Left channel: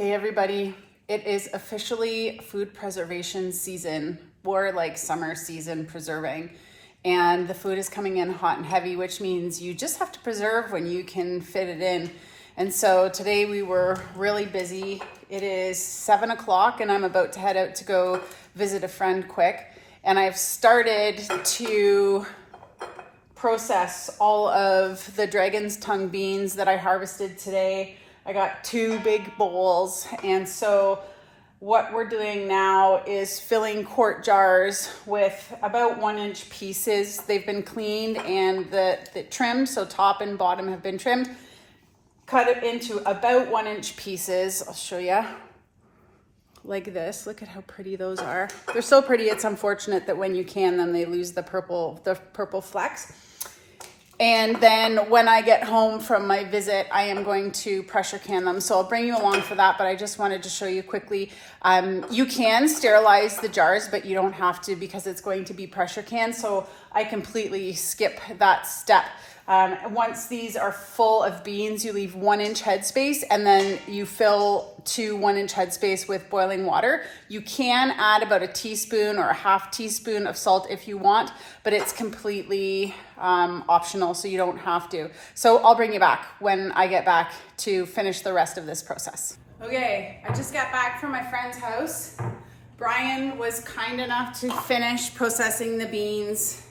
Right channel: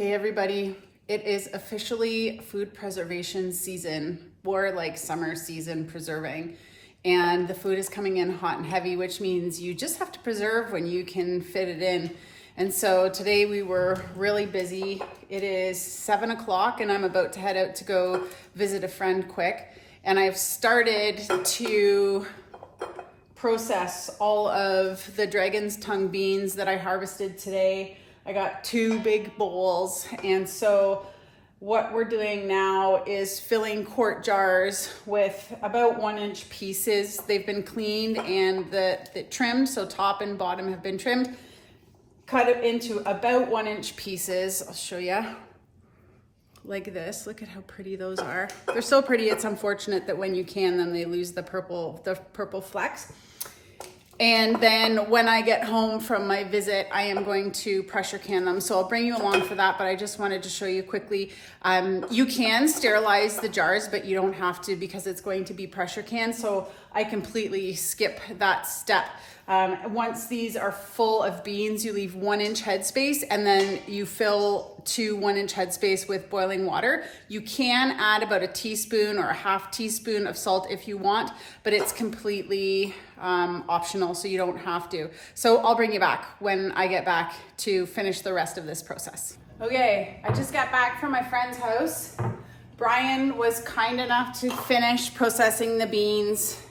Hey everybody, it is officially food preservation season, or like summer season preserving. And the food is coming in hot and heavy, which means you just have to preserve when you can fit it in. And so today we were really busy. It is 7 o'clock and I'm about to head out to go visit a friend quick. And I've started to process all of the dragon's tongue beans that I harvested today. I got 2 big bowls, and so what we're doing now is filling quart jars with about 1-inch pieces. They've been cleaned and the trimmed, so top and bottom have been trimmed. Cut it into about 1-inch pieces. I'll show you like this. Look at how pretty those are. They're so pretty. It's unfortunate that when you can, then they lose the purple flecks. And then when I get home from my visit, I am going to pressure can them. So I'll bring you along for that, but I just wanted to show you quickly. You can sterilize the jars, but you don't have to because it's going to be pressure canned. So I completely skip that step. Once these are full of beans, you leave 1-inch headspace and then you fill to 1-inch headspace with boiling water. You can add about a teaspoon or a half teaspoon of salt if you want, but it's completely optional, so you don't have to. So I'll bring you back when I get back to finish the rest of this process. Okay, I just got back from my friend's house. Brian was kind enough to finish processing the beans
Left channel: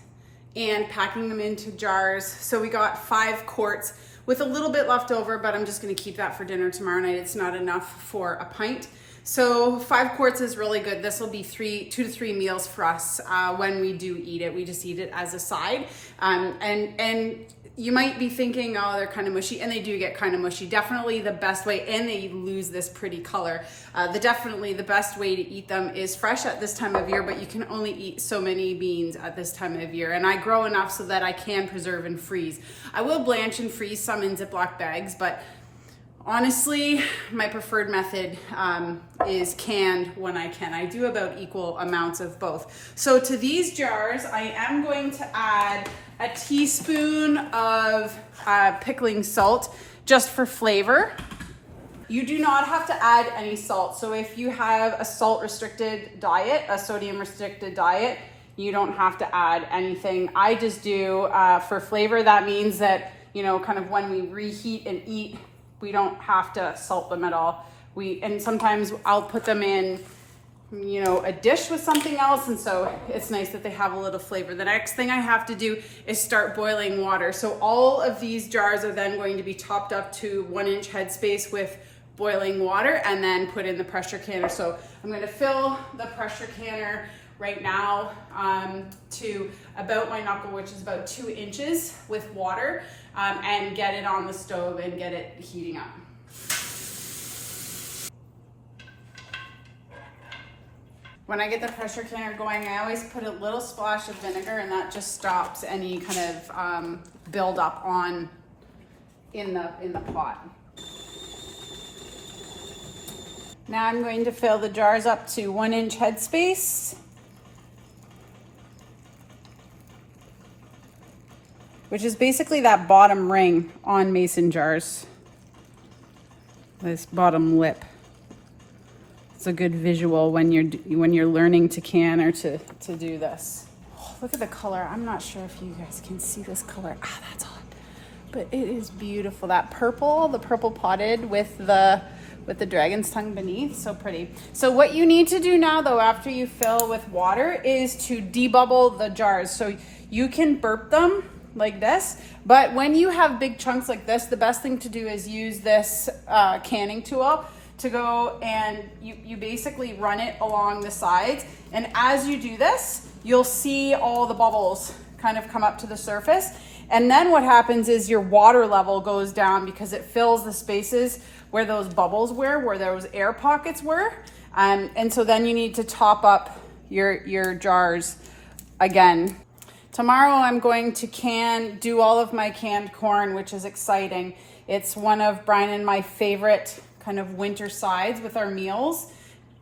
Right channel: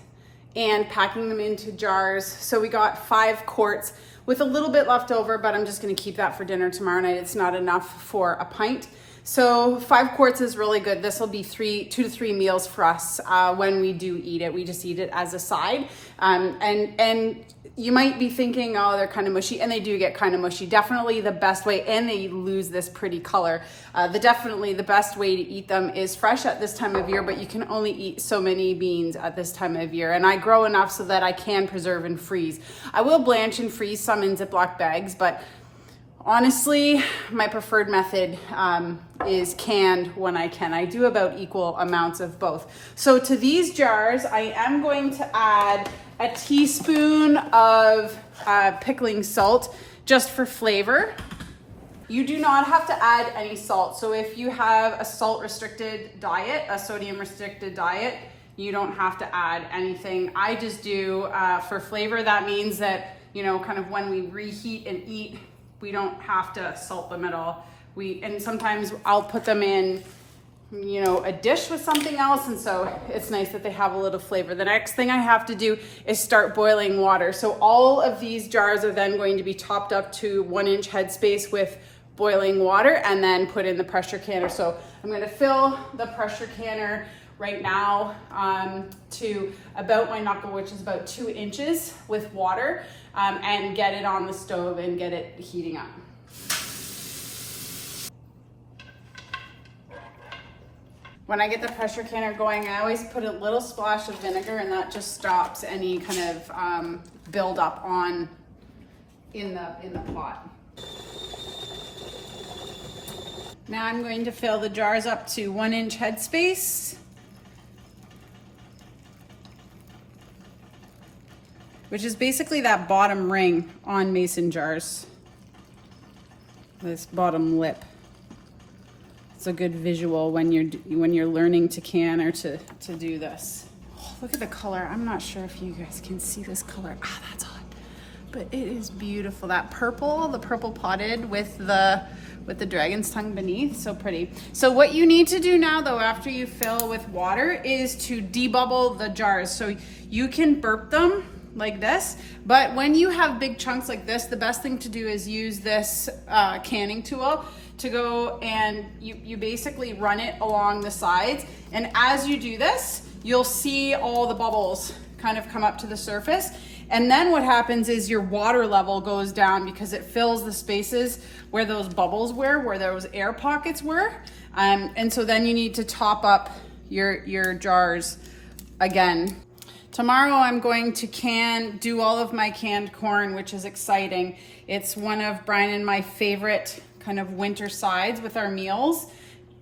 and packing them into jars. So we got 5 quarts with a little bit left over, but I'm just gonna keep that for dinner tomorrow night. It's not enough for a pint. So 5 quarts is really good. This will be 2 to 3 meals for us when we do eat it. We just eat it as a side. And you might be thinking, oh, they're kind of mushy, and they do get kind of mushy. Definitely the best way, and they lose this pretty color. Definitely the best way to eat them is fresh at this time of year, but you can only eat so many beans at this time of year. And I grow enough so that I can preserve and freeze. I will blanch and freeze some in Ziploc bags, but honestly, my preferred method is canned when I can. I do about equal amounts of both. So to these jars, I am going to add a teaspoon of pickling salt just for flavor. You do not have to add any salt. So if you have a salt restricted diet, a sodium restricted diet, you don't have to add anything. I just do for flavor. That means that, you know, kind of when we reheat and eat, we don't have to salt them at all. And sometimes I'll put them in, you know, a dish with something else. And so it's nice that they have a little flavor. The next thing I have to do is start boiling water. So all of these jars are then going to be topped up to 1-inch headspace with boiling water and then put in the pressure canner. So I'm gonna fill the pressure canner right now to about my knuckle, which is about 2 inches with water, and get it on the stove and get it heating up. When I get the pressure canner going, I always put a little splash of vinegar, and that just stops any kind of buildup in the pot. Now I'm going to fill the jars up to 1-inch headspace. Which is basically that bottom ring on mason jars. This bottom lip. It's a good visual when you're learning to can or to do this. Oh, look at the color. I'm not sure if you guys can see this color. Ah, that's hot. But it is beautiful. That purple, the purple potted with the dragon's tongue beneath, so pretty. So what you need to do now though, after you fill with water, is to debubble the jars. So you can burp them like this, but when you have big chunks like this, the best thing to do is use this canning tool to go and you basically run it along the sides. And as you do this, you'll see all the bubbles kind of come up to the surface. And then what happens is your water level goes down because it fills the spaces where those bubbles were, where those air pockets were. And so then you need to top up your jars again. Tomorrow I'm going to do all of my canned corn, which is exciting. It's one of Brian and my favorite kind of winter sides with our meals.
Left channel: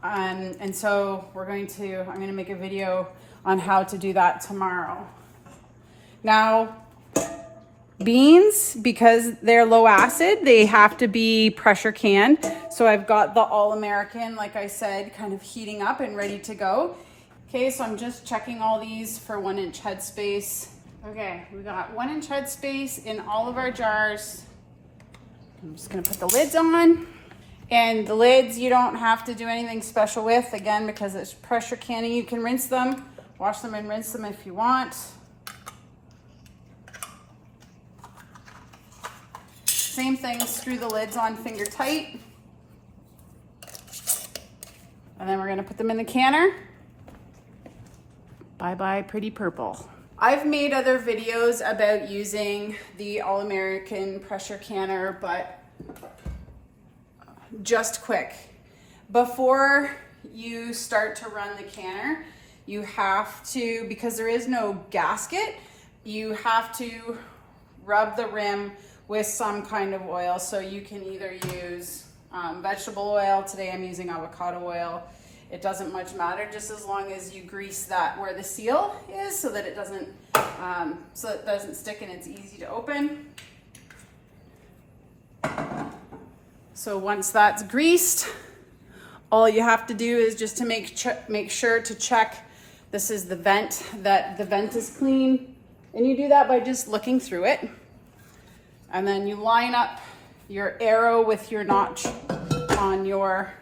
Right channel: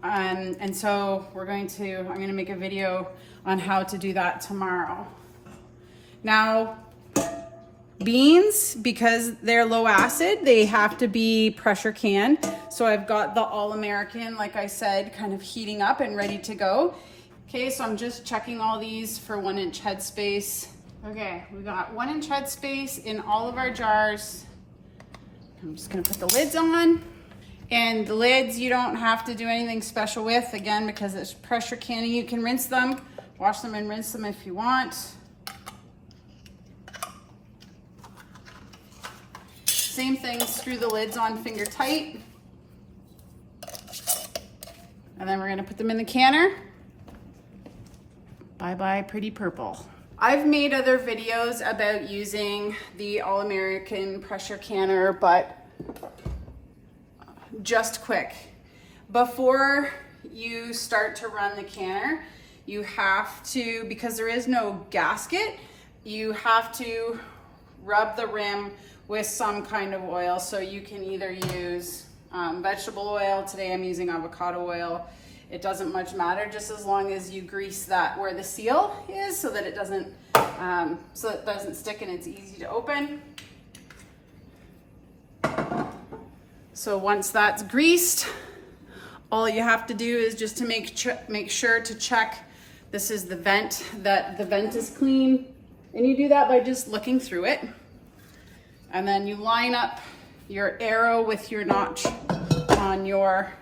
And so I'm going to make a video on how to do that tomorrow. Now, Beans, because they're low acid, they have to be pressure canned. So I've got the All-American, like I said, kind of heating up and ready to go. Okay, so I'm just checking all these for 1 inch headspace. Okay, we got 1 inch headspace in all of our jars. I'm just gonna put the lids on. And the lids, you don't have to do anything special with, again, because it's pressure canning. You can rinse them, wash them and rinse them if you want. Same thing, screw the lids on finger tight. And then we're gonna put them in the canner. Bye-bye, pretty purple. I've made other videos about using the All-American pressure canner, but just quick. Before you start to run the canner, you have to, because there is no gasket, you have to rub the rim with some kind of oil. So you can either use vegetable oil. Today I'm using avocado oil. It doesn't much matter, just as long as you grease that where the seal is so that it doesn't stick and it's easy to open. So once that's greased, all you have to do is just to make sure to check this is the vent, that the vent is clean. And you do that by just looking through it. And then you line up your arrow with your notch on your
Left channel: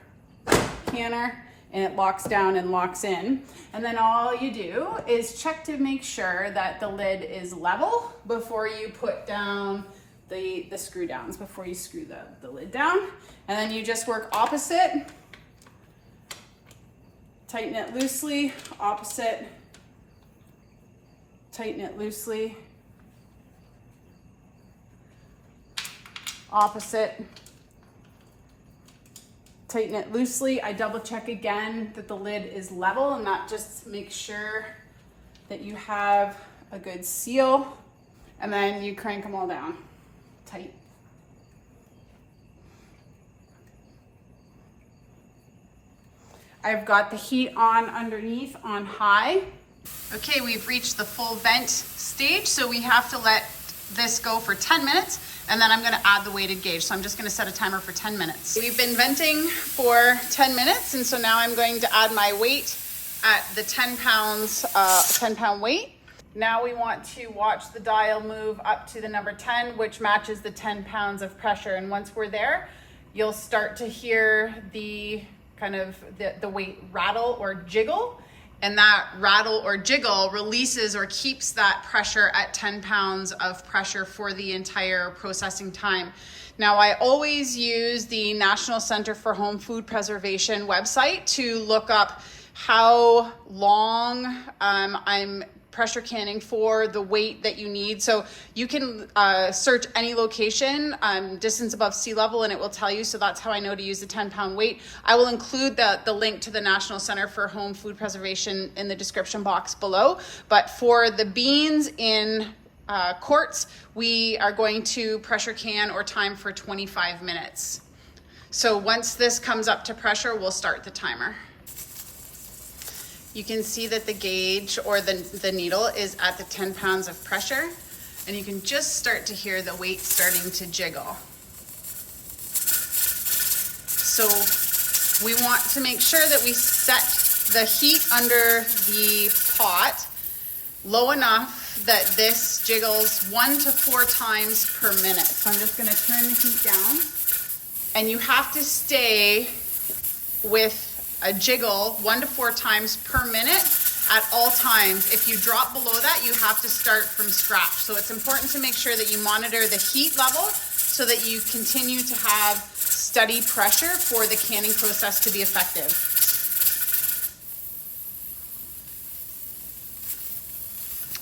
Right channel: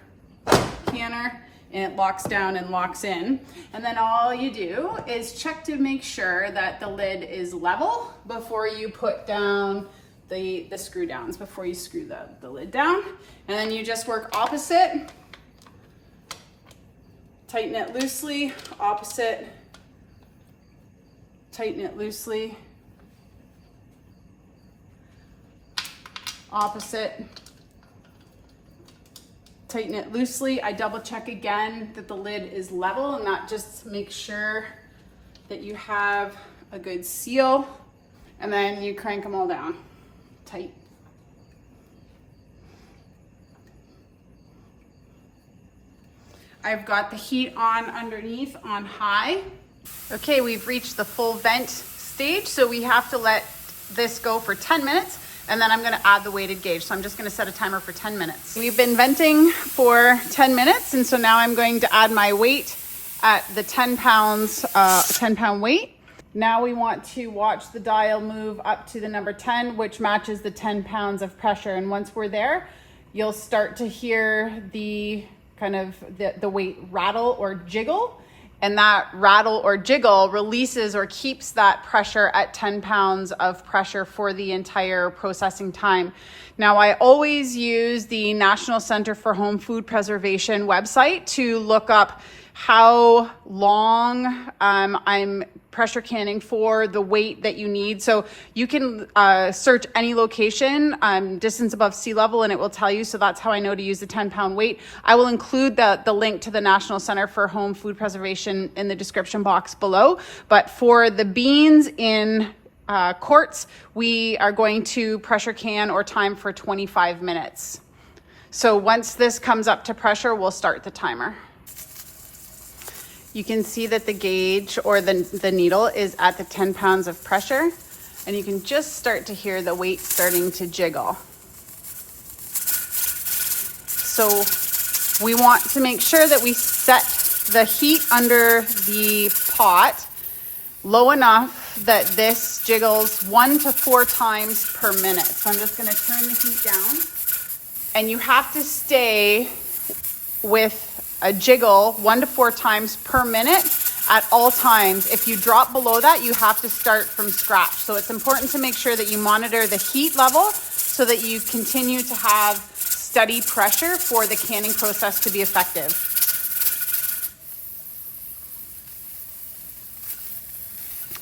canner, and it locks down and locks in. And then all you do is check to make sure that the lid is level before you put down the screw downs, before you screw the lid down. And then you just work opposite, tighten it loosely, opposite, tighten it loosely, opposite, tighten it loosely. I double check again that the lid is level, and that just makes sure that you have a good seal. And then you crank them all down tight. I've got the heat on underneath on high. Okay, we've reached the full vent stage, so we have to let this go for 10 minutes, and then I'm gonna add the weighted gauge. So I'm just gonna set a timer for 10 minutes. We've been venting for 10 minutes, and so now I'm going to add my weight at the 10 pound weight. Now we want to watch the dial move up to the number 10, which matches the 10 pounds of pressure. And once we're there, you'll start to hear the kind of the weight rattle or jiggle. And that rattle or jiggle releases or keeps that pressure at 10 pounds of pressure for the entire processing time. Now, I always use the National Center for Home Food Preservation website to look up how long I'm pressure canning for, the weight that you need. So you can search any location, distance above sea level, and it will tell you. So that's how I know to use the 10 pound weight. I will include the link to the National Center for Home Food Preservation in the description box below. But for the beans in quarts, we are going to pressure can or time for 25 minutes. So once this comes up to pressure, we'll start the timer. You can see that the gauge or the needle is at the 10 pounds of pressure, and you can just start to hear the weight starting to jiggle. So we want to make sure that we set the heat under the pot low enough that this jiggles 1 to 4 times per minute. So I'm just going to turn the heat down, and you have to stay with a jiggle 1 to 4 times per minute at all times. If you drop below that, you have to start from scratch. So it's important to make sure that you monitor the heat level so that you continue to have steady pressure for the canning process to be effective.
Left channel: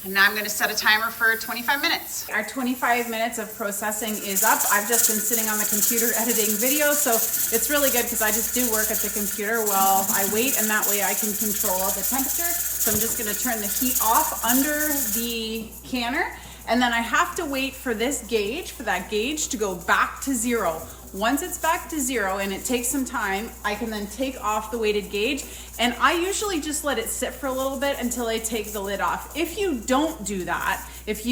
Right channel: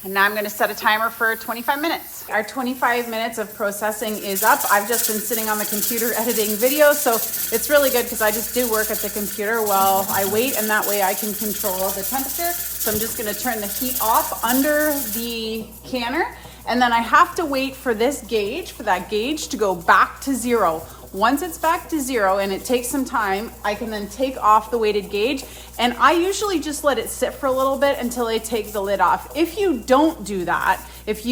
And now I'm going to set a timer for 25 minutes. Our 25 minutes of processing is up. I've just been sitting on the computer editing videos, so it's really good because I just do work at the computer while I wait, and that way I can control the temperature. So I'm just going to turn the heat off under the canner, and then I have to wait for this gauge, for that gauge to go back to 0. Once it's back to 0, and it takes some time, I can then take off the weighted gauge, and I usually just let it sit for a little bit until I take the lid off. If you don't do that, if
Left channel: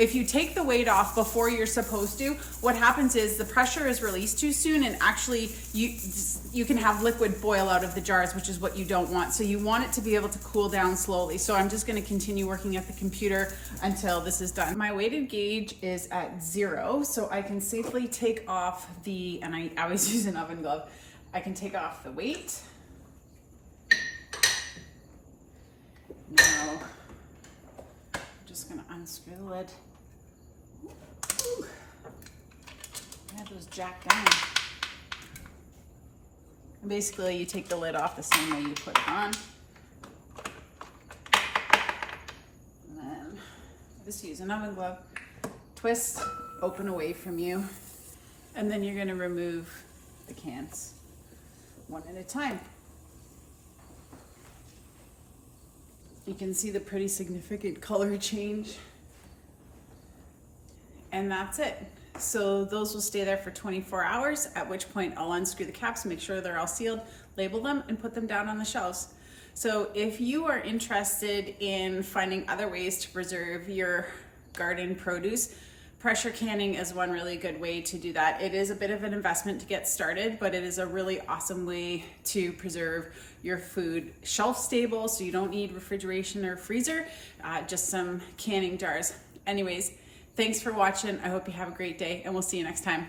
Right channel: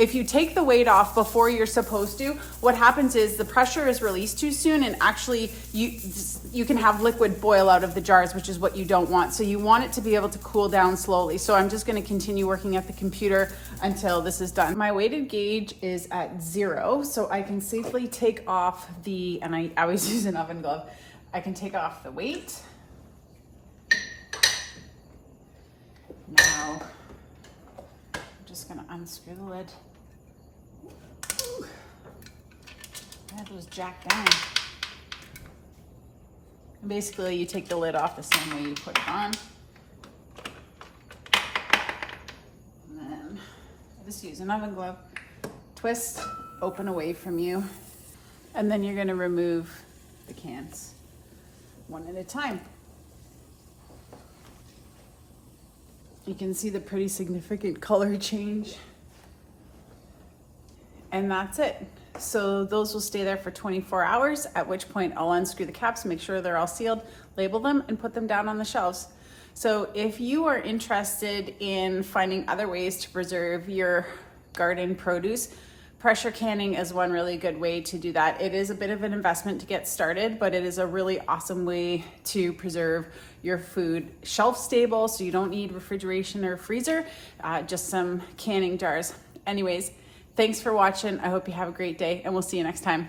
if you take the weight off before you're supposed to, what happens is the pressure is released too soon, and actually you can have liquid boil out of the jars, which is what you don't want. So you want it to be able to cool down slowly. So I'm just going to continue working at the computer until this is done. My weighted gauge is at 0, so I can safely take off and I always use an oven glove. I can take off the weight. Now, I'm just going to unscrew the lid. Ooh. That was jacked down. And basically, you take the lid off the same way you put it on. And then just use an oven glove. Twist, open away from you. And then you're going to remove the cans one at a time. You can see the pretty significant color change. And that's it. So those will stay there for 24 hours, at which point I'll unscrew the caps, make sure they're all sealed, label them, and put them down on the shelves. So if you are interested in finding other ways to preserve your garden produce, pressure canning is one really good way to do that. It is a bit of an investment to get started, but it is a really awesome way to preserve your food shelf stable, so you don't need refrigeration or freezer, just some canning jars. Anyways, thanks for watching. I hope you have a great day, and we'll see you next time.